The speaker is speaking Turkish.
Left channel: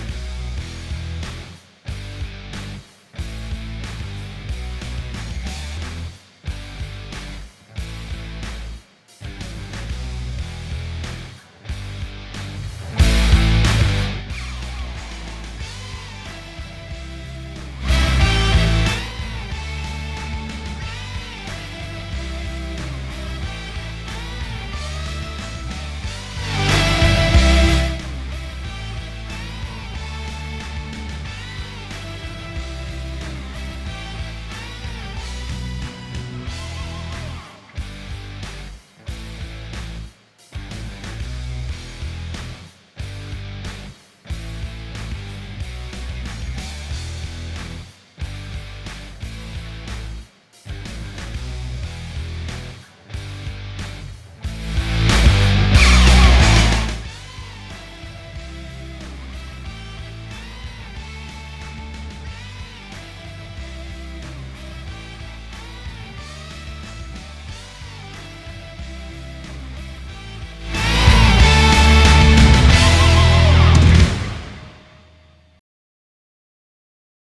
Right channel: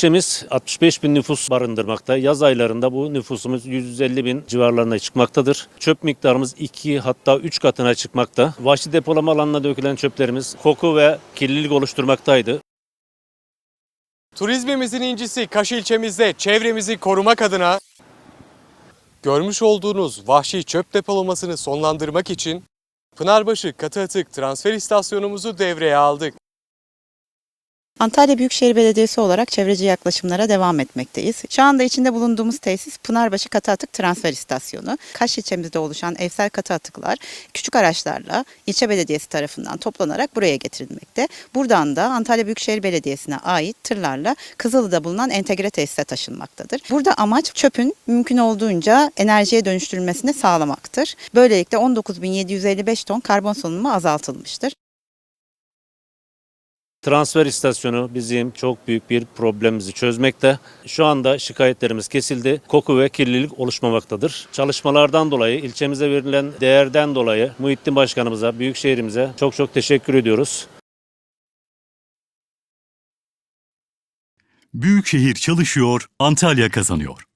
İlçemiz 65 bin nüfus barındırmakta. Yaz aylarında bu nüfusumuz 150 bin civarlarına çıkmaktadır. Çöp miktarımız 2 hatta 3 katına çıkmakta. Vahşi depolama alanına dökülen çöplerimiz koku ve kirlilik oluşturmaktaydı. Turizmimizin incisi Kaş ilçemizde çevremizi korumak adına görmüş olduğunuz vahşi çöp depolamasını sonlandırmak için Pınarbaşı katı atık transfer istasyonumuzu devreye aldık. Antalya Büyükşehir Belediyesi olarak çevreci yaklaşımlara devam etmekteyiz. Şu anda içinde bulunduğumuz tesis Pınarbaşı Katı Atık Transfer İstasyonu. Kaş ilçemizde oluşan evsel katı atıklar küçük araçlarla ilçe belediyesi tarafından toplanarak buraya getirilmekte. Buradan da Antalya Büyükşehir Belediyesi'ne ait tırlarla Kızılı'da bulunan entegre tesise taşınmaktadır. Burada amaç çöpün mümkün olduğunca enerjiye dönüştürülmesini sağlamaktır. Böylelikle 19.755 ton karbon salınımı azaltılmıştır. Transfer istasyonu bizim çok büyük bir problemimizi çözmekte. Şu anda şikayetlerimiz kesildi. Koku ve kirlilik oluşmamaktadır. Çalışmalardan dolayı, ilçemize verilen değerden dolayı Muhittin Başkanımıza, Büyükşehirimize çok çok teşekkür ediyoruz. Büyükşehir çalışıyor, Antalya kazanıyor.